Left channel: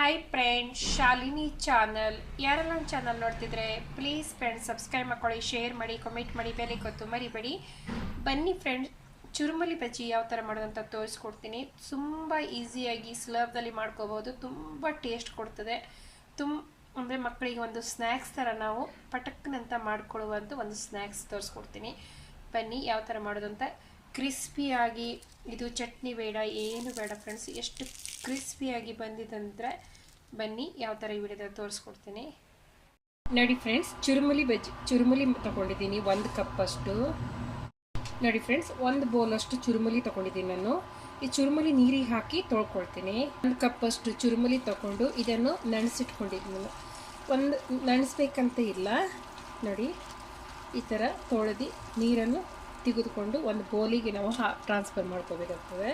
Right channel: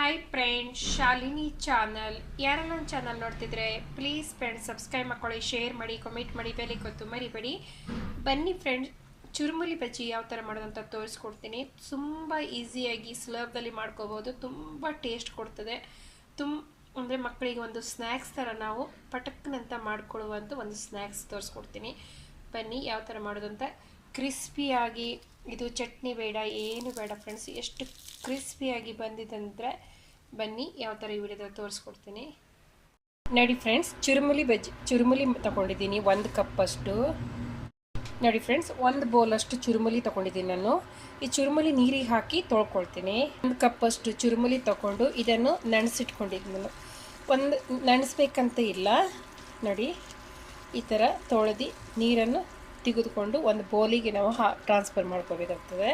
Hi friends, Shalini channel. ಯಾರೆಲ್ಲ ನನ್ನ channel ನೋಡ್ತಿದ್ರೆ ಪ್ಲೀಸ್ ಫ್ರೆಂಡ್ಸ್ ಸಬ್ಸ್ಕ್ರೈಬ್ ಮಾಡ್ಕೊಳ್ಳಿ, ಶೇರ್ ಮಾಡಿ, ಕಮೆಂಟ್ ಮಾಡಿ, ಬೆಲೆ ಕೊತ್ತು ಮರಿಬೇಡಿ. ಬನ್ನಿ ಫ್ರೆಂಡ್ಸ್, ಚುರುಮುರಿ ಬಜ್ಜಿ ಯಾವ ಥರ ಮಾಡೋದಂತ ತೋರಿಸ್ಕೊಡ್ತೀನಿ. ತುಂಬ ಈಸಿಯಾಗಿ ಸುಲಭದಲ್ಲಿ ಮಾಡ್ಕೋಬೋದು. ತುಂಬ ಟೇಸ್ಟ್ ಕೊಡ್ತದೆ. ಅಂದರೆ ಮಕ್ಕಳಿಗೆ ಒಂದು ಸ್ನ್ಯಾಕ್ಸ್ ಥರ ನಾವು ಪಟಕ್ನಂತ ಮಾಡ್ಕೊಳ್ಳುವಂಥ ಒಂದು ಸ್ನ್ಯಾಕ್ಸ್ ತೋರಿಸ್ಕೊಡ್ತೀನಿ. ಬನ್ನಿ ಯಾವ ಥರ ಮಾಡೋದಂತ. ಕ್ರಿಸ್ಪಿಯಾಗಿ, ಇದು ಚಟ್ನಿ ಬೇಡ, ಏನು ಬೇಡ ಫ್ರೆಂಡ್ಸ್, ಎಷ್ಟು ಕ್ರಿಸ್ಪಿಯಾಗಿ ಬಂದಿದಂದರೆ ಬನ್ನಿ ಯಾವ ಥರ ಈ ವಿಡಿಯೋದಲ್ಲಿ ತೋರಿಸ್ಕೊಡ್ತೀನಿ. ನೋಡಿ ಫ್ರೆಂಡ್ಸ್, ಚುರುಮುಲಿ ತಗೊಂಡಿದ್ದೀನಿ 1 ಕಪ್ಪಷ್ಟು. ನೋಡಿ ಫ್ರೆಂಡ್ಸ್, 1 ಬೌಲಷ್ಟು ಚುರುಮುಲಿ ತಗೊಂಡಿದ್ದೀನಿ ನಾನು. ಈ ಚುರುಮುಲಿ ನೀರಿಗೆ ಹಾಕಿ ತೊಳ್ಕೊಳ್ತೀನಿ. 1 ಕಪ್ಪಷ್ಟು ಚುರುಮುಲಿ ತಗೊಂಡು ಇದನ್ನು ನೆನೆಸಿಟ್ಕೊಂಡಿದ್ದೀನಿ. ನೆನೆಸ್ಬೇಕಂತ ಇಲ್ಲ, ನೋಡಿ ಈ ಥರ ತೊಳೆದು ನೀರನ್ನು ತೆಗೆದುಕೊಂಡು ಒಂದು ಬೌಲಿಗೆ ನಾವು ಟ್ರಾನ್ಸ್ಫರ್ ಮಾಡ್ಕೋಬೇಕಾಗ್ತದೆ.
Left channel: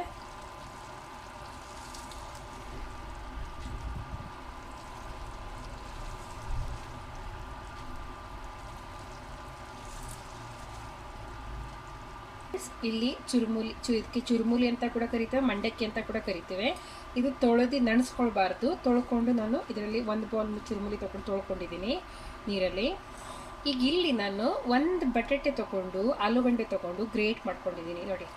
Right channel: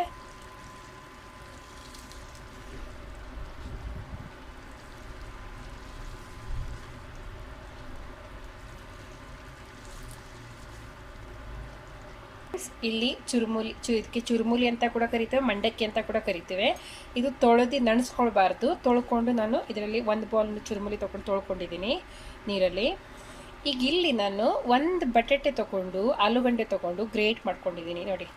ಇಲ್ಲಿ ಇದಕ್ಕೆ ಚುರುಮುಲಿ ಅಂತ ಕೂಡ ಕರಿತೇವೆ, ಮಂಡಕ್ಕಿ ಅಂತ ಕೂಡ ಕರಿತೇವೆ. ಇದು ತೊಳೆದು ನೆನೆಸ್ಕೊಳ್ಬಾರ್ದು. ತೊಳ್ಕೊಂಡು ನಾನು ಇದರಲ್ಲಿ 1 ಬೌಲ್ ಚುರುಮುಲಿ ತೊಳ್ಕೊಂಡಿದ್ದೀನಿ ನೀರಲ್ಲಿ. ಈಗ ಇಲ್ಲಿ ನಾನು 1 ಬಟಾಟೆ ತೊಗೊಂಡು, ಆಲೂಗಡ್ಡೆ ತೊಗೊಂಡು ಗ್ರೇಟ್ ಮಾಡ್ಕೊಂಡಿದ್ದೀನಿ. ನೋಡಿ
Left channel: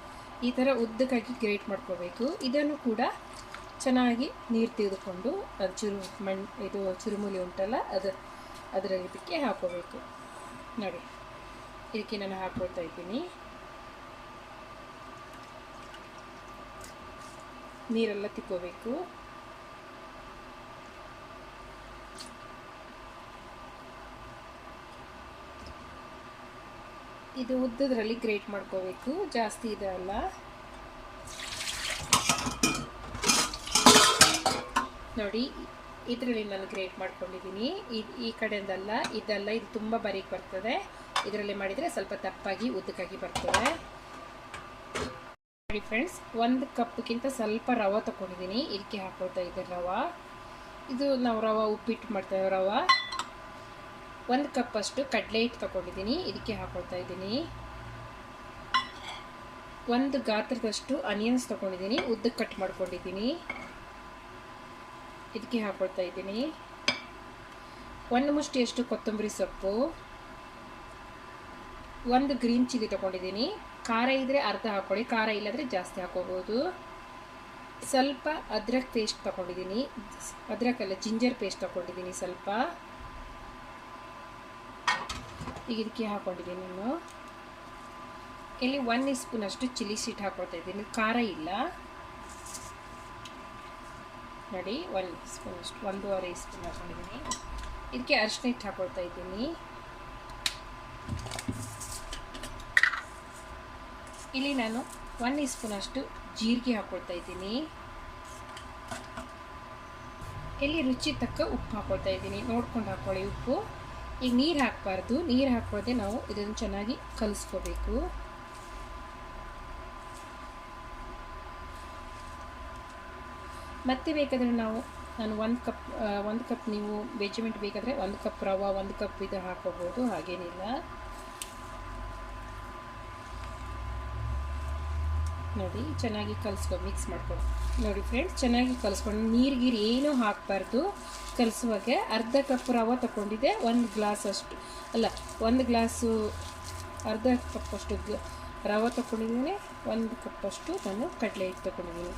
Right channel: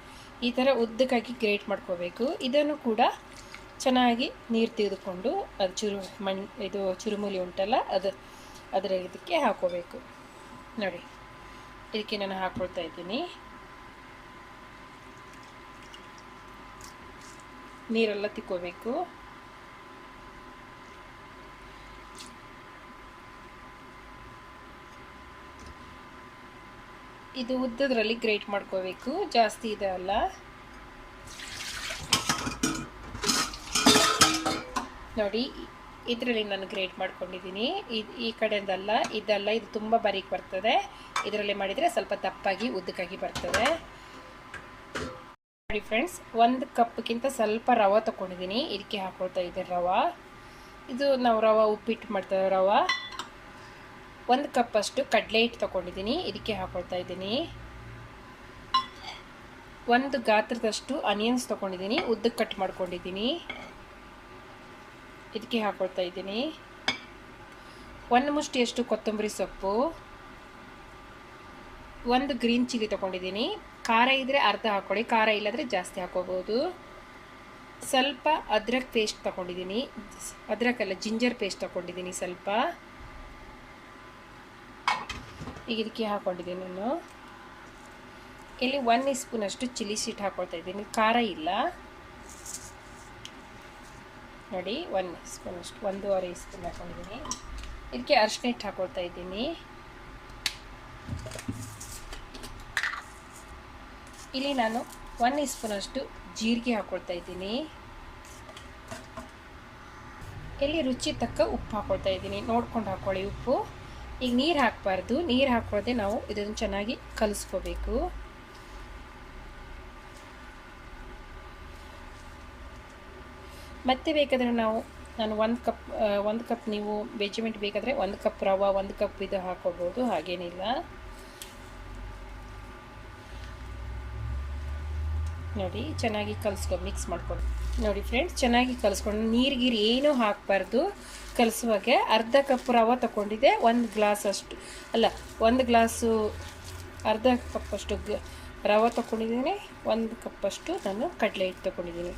ಈ ಥರ ಉದ್ದಕ್ಕಾಗಿ ಗ್ರೇಟ್ ಮಾಡ್ಕೋಬೇಕು. ಇದನ್ನು ಕೂಡ ಚೆನ್ನಾಗಿ ನೀರು ತೆಗೆದುಕೊಂಡು ಅದು ಇದು ಚುರುಮುಲಿ ಉಂಟಲ್ಲ ಅದರ ಇದಕ್ಕೆ ಹಾಕೋಬೇಕು. ನೋಡಿ ಇದಕ್ಕೆ ನಾನು ಹಾಕ್ಕೊಳ್ತಾ ಇದ್ದೀನಿ. ನೀರೆಲ್ಲ ತಿಕ್ಕೋಬೇಕು. ಇದು ಉದ್ದದ್ರಲ್ಲಿ ಗ್ರೇಟ್ ಮಾಡ್ಕೋಬೇಕು, ಜಾಸ್ತಿ ಇದೆ ಅಲ್ಲ. ನೋಡಿ ಇದರಲ್ಲಿ ನಾನು ಗ್ರೇಟ್ ಮಾಡ್ಕೊಂಡಿದ್ದೀನಿ. ಈ ಕಡೆಯಿಂದಲ್ಲ, ಇದು ತುಂಬ ಬಾರೀಕ್ ಬರ್ತದೆ. ಇದರಲ್ಲಿ ಮಾಡಿದರೆ ಸ್ವಲ್ಪ ದಪ್ಪಾಗಿ ಉದ್ದಕ್ಕಾಗಿ ಬರ್ತದೆ. ನೋಡಿ ಫ್ರೆಂಡ್ಸ್, 1 ಕಪ್ಗಿಂತ ಸ್ವಲ್ಪ ರವೆ ತಗೊಂಡಿದ್ದೀನಿ. ಇದಕ್ಕೆ ಹಾಕೊಳ್ತಾ ಇದ್ದೆ ರವೆ. ಇದು ನಾವು ರವೆ ಉಪ್ಪಿಟ್ಟು ಮಾಡ್ತೇವೆ. ರವೆ 1 ಕಪ್ಪಷ್ಟು ಕಡಲೆ ಹಿಟ್ಟು ತಗೊಂಡಿದ್ದೀನಿ. ಇದಕ್ಕೆ ಹಾಕೊಳ್ತಾ ಇದ್ದೀನಿ. 1 ಗಾತ್ರದಷ್ಟು ಆನಿಯನ್ಸ್ ತಗೊಂಡಿದ್ದೀನಿ, ಉದ್ದಕ್ಕೆ ಕಟ್ ಮಾಡ್ಕೊಂಡಿದ್ದೀನಿ. ಇದಕ್ಕೆ ಹಾಕೊಳ್ತಾ ಇದ್ದೀನಿ. 1 ಮುಷ್ಟಿಯಷ್ಟು ಕೊತ್ತಂಬರಿ ಸೊಪ್ಪು, 1 ಗ್ರೀನ್ ಚಿಲ್ಲಿ ತಗೊಂಡಿದ್ದೀನಿ. ಖಾರ ಇದ್ದರೆ ಅರ್ಧ ಹಾಕೊಳ್ಳಿ, ಖಾರ ಇಲ್ಲದ್ರೆ ಜಾಸ್ತಿ ಹಾಕೋಬಹುದು. ಸ್ವಲ್ಪ ಅದ್ರಕ್ ಪೇಸ್ಟ್ ತಗೊಂಡಿದ್ದೀನಿ, ಅದ್ರಕಲ್ಲ ಜಿಂಜರ್ ಪೇಸ್ಟ್ ತಗೊಂಡಿದ್ದೀನಿ ಸ್ವಲ್ಪ. ಈಗ ಇದಕ್ಕೆ ಹಾಕೊಂಡಿದ್ದೀನಿ ನಾನು. ಇಲ್ಲಿ 1 ಸ್ಪೂನಷ್ಟು ಚಿಲ್ಲಿ ಸೀಟ್ ಹಾಕೊಳ್ತಾ ಇದ್ದೀನಿ, ಖಾರ ಇಲ್ಲ. ನೋಡಿ 1 ಸ್ಪೂನಷ್ಟು, 1.5 ಸ್ಪೂನ್ ಹಾಕೊಂಡಿದ್ದೀನಿ. ಇದಕ್ಕೆ ಅರಿಶಿನ ಹಿಟ್ಟು ಹಾಕೊಳ್ತಾ ಇದ್ದೀನಿ. ಇಲ್ಲಿ ನಾನು 1 ಸ್ಪೂನಷ್ಟು ಜೀರಿಗೆ ಹಾಕೊಳ್ತಾ ಇದ್ದೀನಿ. ಇಲ್ಲಿ ರುಚಿ ತಕ್ಕ ಉಪ್ಪು ಹಾಕೊಳ್ತಾ ಇದ್ದೀನಿ, ನೋಡ್ಕೊಂಡು ಹಾಕೊಳ್ಳಿ ಉಪ್ಪು. ಈಗ ನೀರು ಹಾಕಬಾರ್ದು, ನೀರು ಹಾಕೊಳ್ಳದೆ ನಾವು ಇದನ್ನು ಚೆನ್ನಾಗಿ ಕಲಿಸ್ಕೋಬೇಕು. ಮತ್ತೆ ಬೇಕಾದರೆ ನಾನು 1 ಕಪ್ ನೀವು ಮೆಜರ್ಮೆಂಟ್ ಬೇಕಾದರೆ 1 ಕಪ್ ರವೆ, 1 ಕಪ್ ಇದು ಹಾಕೋಬೋದು, ಹಾಗೇನಿಲ್ಲ. ನೋಡಿ ಚೆನ್ನಾಗಿ ಮಿಕ್ಸ್ ಮಾಡ್ಕೊಂಡು. ನೋಡಿ ಫ್ರೆಂಡ್ಸ್, ಚೆನ್ನಾಗಿ ಕಲಿಸ್ಕೊಂಡು ನೀರು ಏನೂ ಹಾಕಬಾರ್ದು. ಕಲಿಸುವಾಗೆ ಅರ್ಧ ಕಪ್ ರವೆ ತಗೊಂಡಿದ್ದೆ, 1 ಗ್ಲಾಸ್ ಅಷ್ಟು ಅಲ್ಲ, 1 ಗ್ಲಾಸು ಅರ್ಧ ಕಪ್ಪಷ್ಟು ರವೆ ತಗೊಂಡಿದ್ದೀನಿ. 1 ಕಪ್ಪಷ್ಟು ನಾನು ಕಡಲೆ ಹಿಟ್ಟು ತಗೊಂಡಿದ್ದೀನಿ.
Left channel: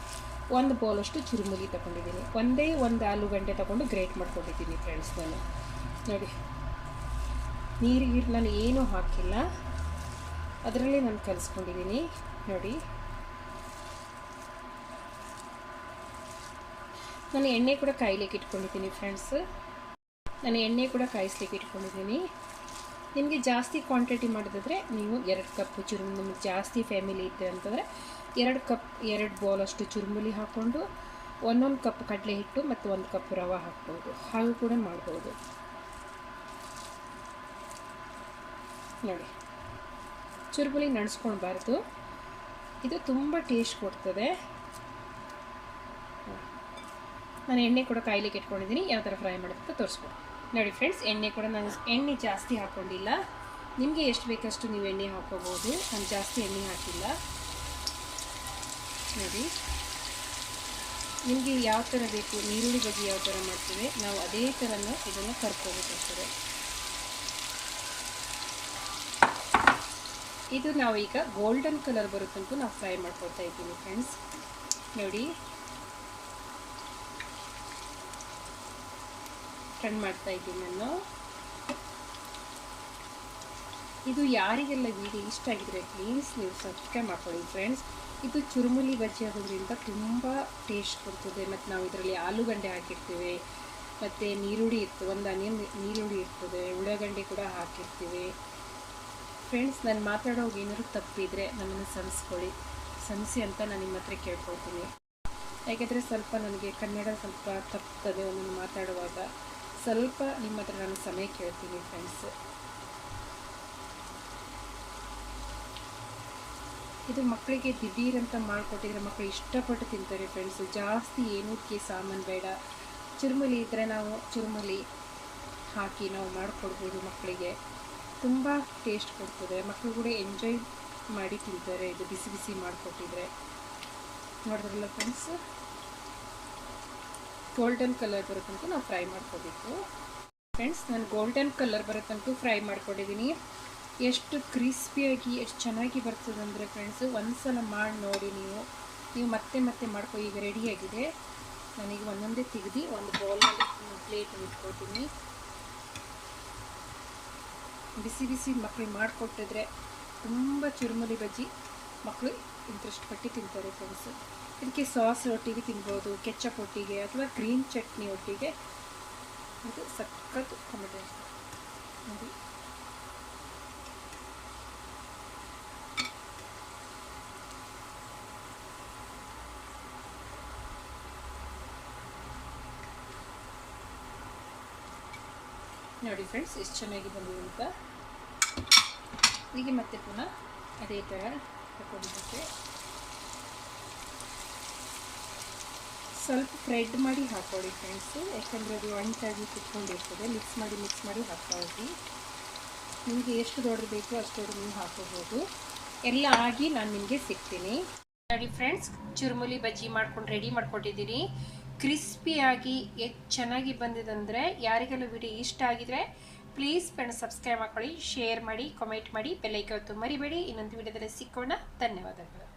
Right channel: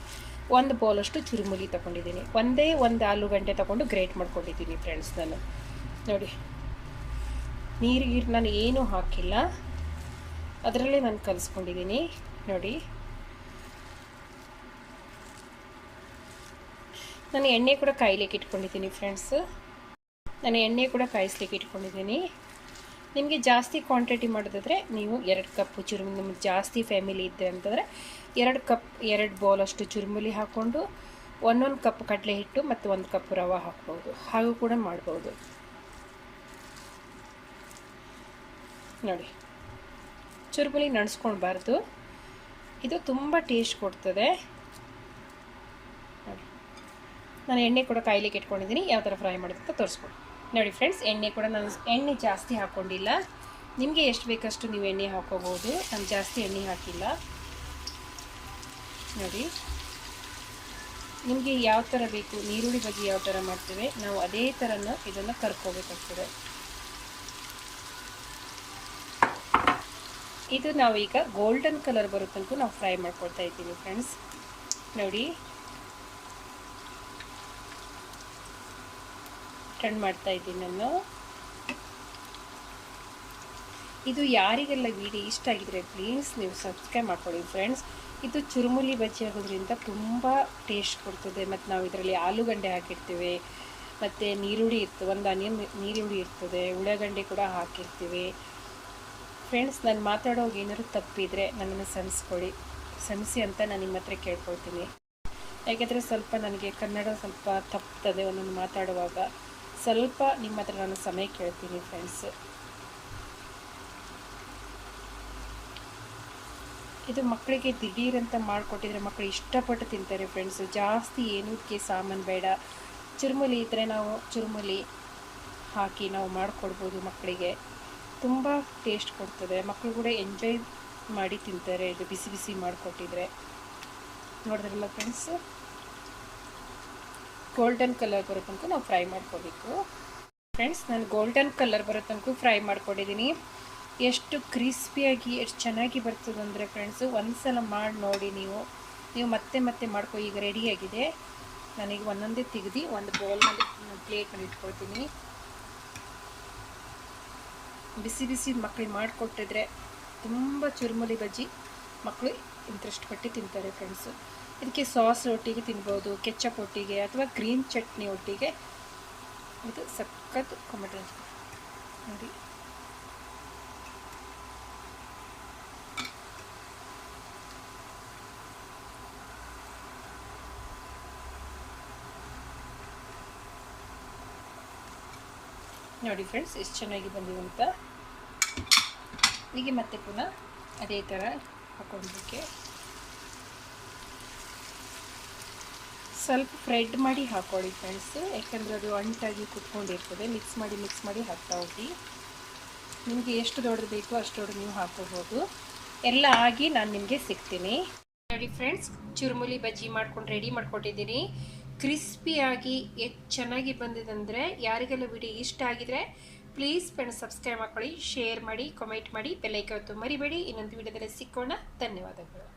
1 ಬೌಲಷ್ಟು ಚುರುಮುಲಿ ತಗೊಂಡಿದ್ದೀನಿ. ಒಂದೇ 1 ಆಲೂಗಡ್ಡೆ ತಗೊಂಡು ಗ್ರೇಟ್ ಮಾಡ್ಕೊಂಡಿದ್ದೀನಿ ಫ್ರೆಂಡ್ಸ್ ನಾನು. ನೋಡಿ ನೀರಿಗೆ ನಾನು ಏನೂ ಹಾಕಿಲ್ಲ, ಅದರಲ್ಲೇ ನಾನು ಕಲಿಸ್ಕೊಂಡಿದ್ದೀನಿ. ನೋಡಿ ನಾನು ಎಣ್ಣೆ ಕೂಡ ಕಾಯ್ಲಿಕ್ಕೆ ಇಟ್ಕೊಂಡಿದ್ದೀನಿ ಫ್ರೆಂಡ್ಸ್. ನಾನು ಎಣ್ಣೆ ಕೂಡ ಕಾಯಿಸ್ಲಿಕ್ಕೆ ಇಟ್ಕೊಂಡಿದ್ದೀನಿ. ನಿಮಗೆ ಜಾಸ್ತಿ ಕ್ವಾಂಟಿಟಿ ಮಾಡೋದಾದರೆ ನೀವು 2 ಕಪ್ ಚುರುಮುಲಿ, ನಿಮಗೆ ಜಾಸ್ತಿ ಫ್ಯಾಮಿಲಿ ಇದ್ದೆ ಅಂತಂದರೆ 2 ಬೌಲಷ್ಟು ಚುರುಮುಲಿ ಹಾಕ್ಕೊಂಡು 1 ಕಪ್ ಕಡಲೆ ಹಿಟ್ಟು ಮತ್ತು 1 ಕಪ್ ರವೆ ಹಾಕ್ಬೋದು, ಹಾಗೂ ಕೂಡ ಮಾಡ್ಬೋದು. ನೋಡಿ ಚುರುಮುಲಿ ನಡೆಸ್ಕೊಳ್ಬಾರ್ದು, ಇದು ತುಂಬ ಟೇಸ್ಟ್ ಕೊಡ್ತದೆ. ನಾನು ಎಣ್ಣೆ ಕೂಡ ಕಾಯ್ಲಿಕ್ಕೆ ಇಟ್ಕೊಂಡಿದ್ದೀನಿ, ಯಾವ ಥರ ಫ್ರೈ ಮಾಡೋದಂತ ತೋರಿಸ್ಬೋದು. ನೋಡಿ ಫ್ರೆಂಡ್ಸ್, ನಾನು ಎಣ್ಣೆ ಜಾಸ್ತಿ ಹಾಕ್ಕೊಂಡಿಲ್ಲ. ನಿಮಗೆ ಎಷ್ಟು ಬೇಕಷ್ಟು ನೀವು ಎಣ್ಣೆ ಹಾಕ್ಕೋಬೋದು, ನಾನು ಜಾಸ್ತಿ ಎಣ್ಣೆ ಹಾಕಿಲ್ಲ. ನೋಡಿ ನಿಮಗೆ ಯಾವ ಥರ ಬೇಕು, ನೀರುಳ್ಳಿ ಬಜ್ಜಿ ಯಾವ ಥರ ಮಾಡ್ತೇವೆ ನಾವು ಅದೇ ಥರನ ಇದನ್ನು ಕರ್ಕೋಬೇಕಾಗ್ತದೆ. ಇದು ನಾವು ಈಗ ಗೋಲ್ಡನ್ ಕಲರ್ ಬರೋ ತನಕ ನಾವು ಫ್ರೈ ಮಾಡ್ಕೊಳ್ತಾ ಇದ್ದೀವಿ ಫ್ರೆಂಡ್ಸ್. ನೋಡಿ ಟರ್ನ್ ಮಾಡ್ತಾ ಇದ್ದೀನಿ ನಾನು. ಇದು ಯಾರಿಗೆಲ್ಲ ವಿಡಿಯೋ ಇಷ್ಟ ಆಗಿದ್ರೆ ಪ್ಲೀಸ್ ನೀವು ಸಬ್ಸ್ಕ್ರೈಬ್ ಮಾಡ್ಕೊಳ್ಳಿ ಫ್ರೆಂಡ್ಸ್. ಇದು ಚುರುಮುರಿ ಬಜ್ಜಿ ಆಗೋದ್ರಿಂದ ತುಂಬ ಟೇಸ್ಟ್ ಕೊಡ್ತದೆ. ಮತ್ತು ನಾವು ಇದರಲ್ಲಿ ಆಲೂಗಡ್ಡೆ ಹಾಕಿರ್ತೀವಿ, ಮತ್ತು ನೀರುಳ್ಳಿ ಇರ್ತದೆ, ಒಂದು ಆನಿಯನ್ ನೀರುಳ್ಳಿ ಇರ್ತದೆ, ಉಳ್ಳಾಗಡ್ಡೆ ಕೂಡ ಹಾಕಿರ್ತೀವಿ ಫ್ರೆಂಡ್ಸ್. ನಾನು ಮಾತಾಡೋವಾಗ ಏನಾದ್ರು ತಪ್ಪಿದರೆ ನನ್ನನ್ನು ಕ್ಷಮಿಸಿ ಅಂತ ನಾನು ನಿಮ್ಮ ಹತ್ರ ಕೇಳ್ಕೊಳ್ತೀನಿ. ಯಾಕೆಂದರೆ ಸ್ವಲ್ಪ ನನಗೆ ಕನ್ನಡ ಸ್ವಲ್ಪ ತಪ್ತದೆ ಒಂದೊಂದು ಮಾತಾಡುವಾಗ. ಸ್ವಲ್ಪ ನಿಮ್ಮ ಹತ್ರ ನಾನು ಸಮಯ ಕೇಳ್ತೀನಿ ಫ್ರೆಂಡ್ಸ್. ಇದು ಮಕ್ಕಳಿಗೆ ದಿಢೀರಂತ ಮಾಡಿಕೊಟ್ಟಿದ್ರೆ ಮಕ್ಕಳು ಇಷ್ಟಪಟ್ಟು ತಿಂತಾರೆ ಫ್ರೆಂಡ್ಸ್. ಜಾಸ್ತಿ ಏನಕ್ಕೆ ಸಾಮಾನು ಬೇಡ. ಚುರುಮುರಿ ಇದ್ದರೆ ನಾವು ಚುರುಮುರಿ ಹಾಕಿ ನಾವು ಮಾಡಿಕೊಡ್ಬೋದು ಮಕ್ಕಳಿಗೆ. ತುಂಬ ಟೇಸ್ಟ್ ಕೊಡ್ತದೆ, ಮಕ್ಕಳು ಕೂಡ ಎಂಜಾಯ್ ಮಾಡಿ ತಿಂತಾರೆ ಇದು ಬಿಸಿ ಬಿಸಿ ಮಾಡಿಕೊಟ್ಟಿದ್ರೆ. ನೋಡಿದ್ರಲ್ಲ ಫ್ರೆಂಡ್ಸ್, ಗೋಲ್ಡನ್ ಕಲರ್ ಬರೋ ತನಕ ನಾವು ಫ್ರೈ ಮಾಡ್ಕೋಬೇಕು ಫ್ರೆಂಡ್ಸ್. ನಾನು ಗೋಲ್ಡನ್ ಕಲರ್ ಬರೋ ತನಕ ಫ್ರೈ ಮಾಡ್ಕೊಂಡಿದ್ದೀನಿ. ಎಷ್ಟು ಕ್ರಿಸ್ಪಿಯಾಗಿ ಎಷ್ಟು ಚೆನ್ನಾಗಿ ಬರ್ತದೆ ಅಂದರೆ ಫ್ರೆಂಡ್ಸು, ಒಂದು ಸಲ ಮಾಡಿ ನೋಡಿ ನೀವು ಮತ್ತೆ ಮತ್ತೆ ಮಾಡ್ಕೊ. ಈಗ ರೆಡಿಯಾಗಿದೆ. ನಾನೀಗ ಒಂದೊಂದೇ ತೆಗೆದು ಒಂದು ಪ್ಲೇಟಲ್ಲಿ ಇಟ್ಕೊಳ್ತೀನಿ. ಬಿಸಿ ಬಿಸಿ ಮಕ್ಕಳಿಗೆ ಮಾಡಿಕೊಟ್ಟಿದ್ರೆ ತುಂಬ ಚುರುಮುರಿ ಬಜ್ಜಿ ಮಕ್ಕಳು ಇಂಟ್ರೆಸ್ಟ್ ಪಟ್ಟು ತಿಂತಾರೆ ಫ್ರೆಂಡ್ಸು. ಇದಕ್ಕೆ ಸಾಸ್ ಒಟ್ಟಿಗೆ ತಿನ್ಬೋದು, ಕೆಚಪ್ ಒಟ್ಟಿಗೆ ಅಥವಾ ಗ್ರೀನ್ ಚಟ್ನಿ ಒಟ್ಟಿಗೆ. ಇದು ಸಖತ್ ಕಾಂಬಿನೇಷನ್ ನೋಡಿ. ನೋಡಿ ಫ್ರೆಂಡ್ಸ್ ಎಷ್ಟು ಚೆನ್ನಾಗಿ ಬಂದಿದೆ ಅಂತ. ಹೀಗೆ ಮತ್ತೆ ಪುನಃ ಅದೇ ಥರ ಹಾಕೊಳ್ಳೋದಕ್ಕೆ ಸ್ವಲ್ಪ ಫ್ರೈಡ್ ಮಾಡಿ ಹಾಕೊಳ್ಳಿ ಫ್ರೆಂಡ್ಸ್. ಯಾಕೆಂದರೆ ಅದು ಅಂಟಾಗಿ ಕುತ್ಕೊಂಡಿರ್ತದೆ. ಮಿಕ್ಸ್ ಮಾಡಿ ಹಾಕ್ತಾ ಹೋಗಿ. ನಿಮಗೆ ಎಷ್ಟು ದೊಡ್ಡದು ಬೇಕೋ ಅಷ್ಟು ದೊಡ್ಡದು ನೀವು ಹಾಕೋಬೋದು. ಎಲ್ಲ ಆಗಿ ನಾನು ನಿಮಗೆ ಸಿಗ್ತೀನಿ. ನೋಡಿ ಫ್ರೆಂಡ್ಸ್, ಚುರುಮುರಿ ಬಜ್ಜಿ ಮಾಡ್ಕೊಂಡು ರೆಡಿ ಮಾಡ್ಕೊಟ್ಟಿದ್ದೀನಿ. ಕ್ರಿಸ್ಪಿಯಾಗಿ ಎಷ್ಟು ಚೆನ್ನಾಗಿ ಬಂದಿದೆ ಅಂದರೆ, ಯಾರಿಗೆಲ್ಲ ವಿಡಿಯೋ ಇಷ್ಟ ಆಗಿದ್ರೆ ಪ್ಲೀಸ್ ಫ್ರೆಂಡ್ಸ್ ಸಬ್ಸ್ಕ್ರೈಬ್ ಮಾಡ್ಕೊಳ್ಳಿ, ಶೇರ್ ಮಾಡಿ, ಕಾಮೆಂಟ್ ಮಾಡಿ, ಬೆಲ್ ಐಕಾನ್ ಒತ್ತೋದು ಮರಿಬೇಡಿ. ಇನ್ನೊಂದು ವಿಡಿಯೋದಲ್ಲಿ ಸಿಕ್ಕೋಣ. ಧನ್ಯವಾದಗಳು.